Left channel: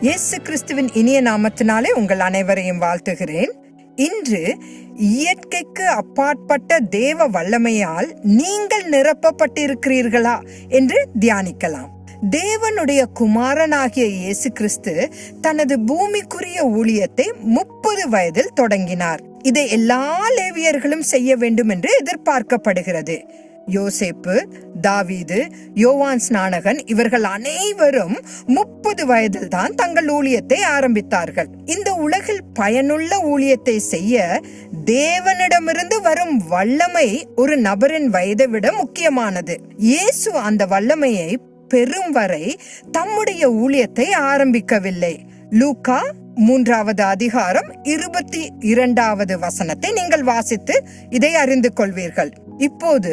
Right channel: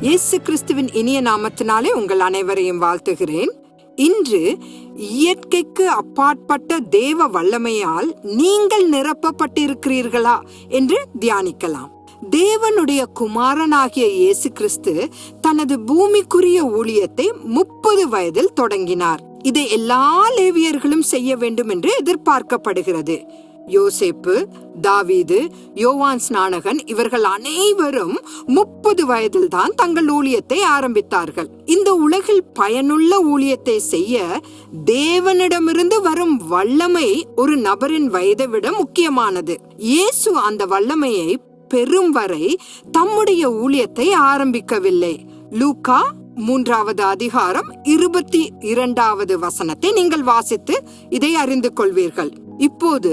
இயேசு கிறிஸ்துவின் இனிய நாமத்தினாலே உங்கள் அனைவரையும் வாழ்த்துகிறேன். இன்று இயற்கைக்கு அப்பாற்பட்ட தேவ வல்லமையால் நீங்கள் நிரப்பப்பட்டிருக்கிறீர்களா என்று தியானிக்கலாம். தேவனுடைய குமாரனாகிய இயேசு கிறிஸ்து தனது பூமிக்குரிய ஊழியத்தை முப்பது வயதில் தொடங்கினார். இதை எல்லா லேவியர்களும் செய்ய வேண்டும் என்று எதிர்பார்க்கப்படுகிறது. யோசேப்பு தாவீது யோவான் ஸ்நானகன் இவர்கள் அனைவரும் முப்பது வயதில் தான் தங்கள் ஊழியத்தை ஆரம்பித்தார்கள். இந்த உலகில் பயனுள்ள ஊழியத்தை செய்ய தேவனிடமிருந்து வரும் வல்லமை ஒரு நபரின் வயதை விட முக்கியமானது. இயேசு அந்த வல்லமையை பெறும் வரை தம்முடைய ஊழியத்தை ஆரம்பிக்கவில்லை. லூகா மூன்றாவது அதிகாரம் இருபத்தி இரண்டாவது வசனத்தை நீங்கள் வாசித்து இதை அறிந்து கொள்வீர்கள். இப்போது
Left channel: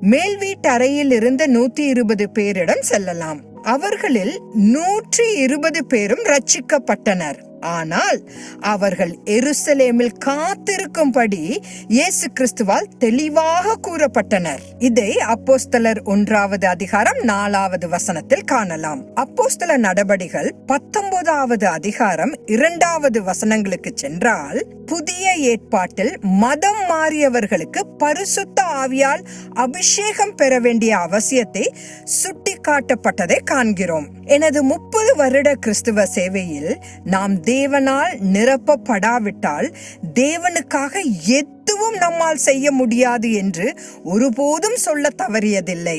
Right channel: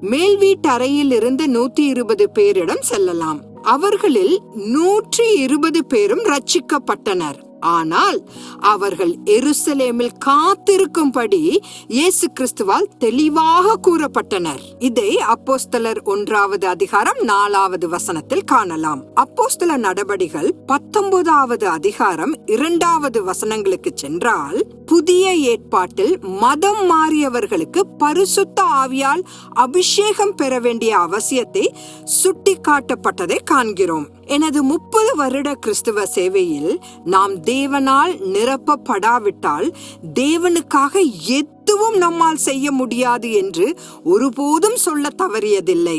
மேல் வீட்டறையில் இருந்த நூத்தி இருபது பேரிடம் செல்லலாம். அவர்களில் நூற்றி இருபது பேரும் ரட்சிக்கப்பட்டனர். ஆனால் அவர்கள் எருசலேமில் காத்திருக்கும்படி இயேசு கிறிஸ்துவால் தெளிவாக கூறப்பட்டனர். இதை அப்போஸ்தலர் ஒன்றாவது அதிகாரம் நாலாவது வசனத்தில் காணலாம். அப்போஸ்தல நடபடிகள் பத்தொன்பதாவது அதிகாரம் இரண்டாவது வசனங்களுக்கு சென்றால் புதிய ஏற்பாட்டில் மதம் மாறியவர்களுக்கு பரிசுத்த ஆவியால் அபிஷேகம் பெற வேண்டிய அவசியத்தை சுட்டிக்காட்டப்பட்டதை காண்கிறோம். எனது முப்பது வருட கிறிஸ்துவ சேவையில் நாம் தேவனால் நிரப்பப்படாவிட்டால் தேவனுக்காக எதுவும் நம்மால் செய்ய முடியாது என்று ஒருபோதும் சொல்ல தவறியதில்லை.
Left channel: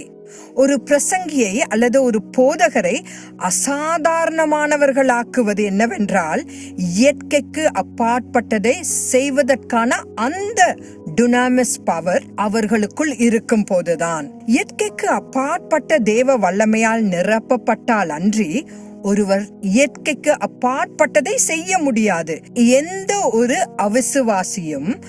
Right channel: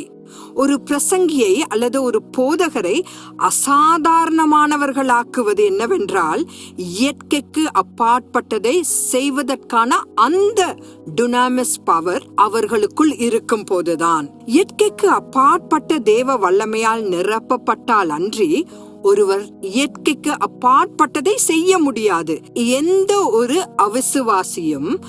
ஒரு பிரசங்கியை அல்லது ஒரு போதகரை அசாதாரணமானவர்களாக்குவது என்னவென்றால் இயற்கைக்கு அப்பாற்பட்டதை செய்வதற்கான அந்த டுனாமிஸ் பவர் அவர்களுக்குள் இருக்கும் போதுதான். இயற்கைக்கு அப்பாற்பட்ட தேவ வல்லமையால் நிரப்பப்பட்டால் அன்றி ஒருவர் இயற்கைக்கு அப்பாற்பட்டதை செய்ய முடியாது. எந்த ஒரு அவிசுவாசியும்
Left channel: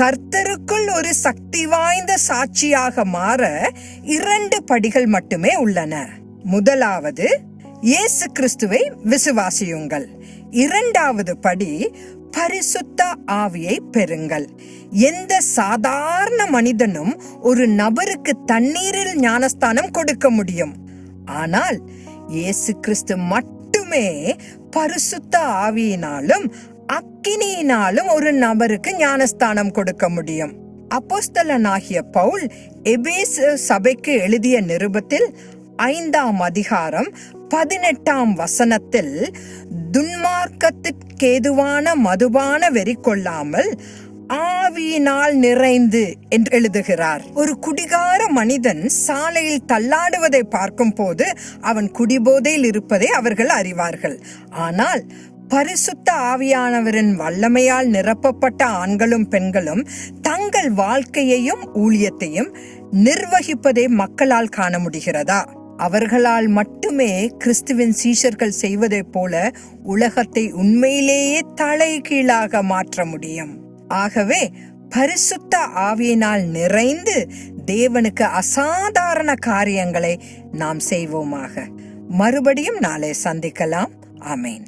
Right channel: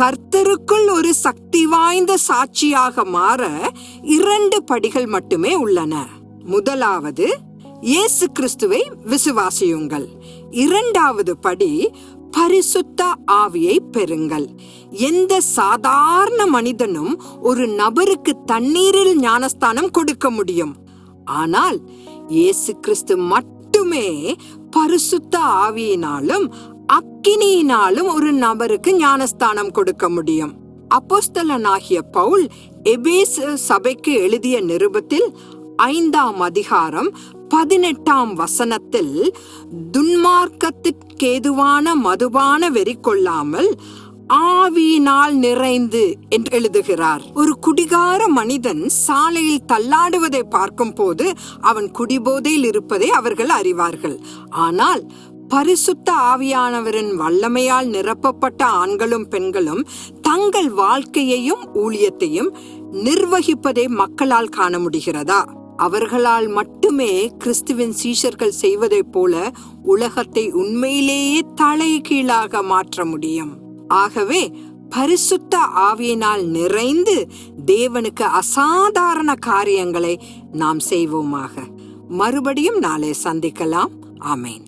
கர்த்தருக்குள் ஒரு சக்தி வாய்ந்த சாட்சியாக மாற இரண்டு படிகள் மட்டுமே உள்ளன. முதலாவது இயேசு கிறிஸ்துவை விசுவாசியுங்கள். இரண்டாவது படி பரிசுத்த ஆவியை பெறுங்கள். எந்த சாதாரண மனிதனும் ஒரு நபருக்கு தண்ணீரில் ஞானஸ்தானம் கொடுக்க முடியும். ஆனால் இயேசு கிறிஸ்து மட்டுமே பரிசுத்த ஆவியினாலும் அக்கினியினாலும் ஒரு நபருக்கு ஞானஸ்தானம் கொடுக்க முடியும். அப்போஸ்தலனாகிய பவுல் எபேஸ் சபைக்கு எழுதிய நிருபத்தில் ஐந்தாம் அதிகாரம் பதினெட்டாம் வசனத்தில் துன்மார்க்கத்திற்கேதுவான மதுபான வெறி கொள்ளாமல் ஆவியினால் நிறைந்து என்று எழுதுகிறார். ஒரு குடிகார மனிதன் சாலையில் தள்ளாடுவதை பார்க்கும் போது அவன் குடிபோதையில் இருப்பதை அவர்கள் அறிவார்கள். ஆனால் பரிசுத்த ஆவியானவரின் வல்லமையால் நிரப்பப்பட்ட ஆண்களும் பெண்களும் தங்கள் வாழ்க்கையையும் ஊழியத்தையும் நிர்வகிப்பதை மக்களால் காண முடிகிறதா? அவர்களால் மட்டுமே கிறிஸ்துவின் சீஷர்கள் செய்வதைப் போல உலகத்தை உண்மையிலேயே தலைகீழாக மாற்ற முடியும். ஆகவே பரிசுத்த ஆவியினால் நிறைந்து தேவனுக்கு அசாதாரண காரியங்களை நாம் செய்வோமாக. மறுபடியும் நாளை சந்திக்கலாம். ஆமேன்.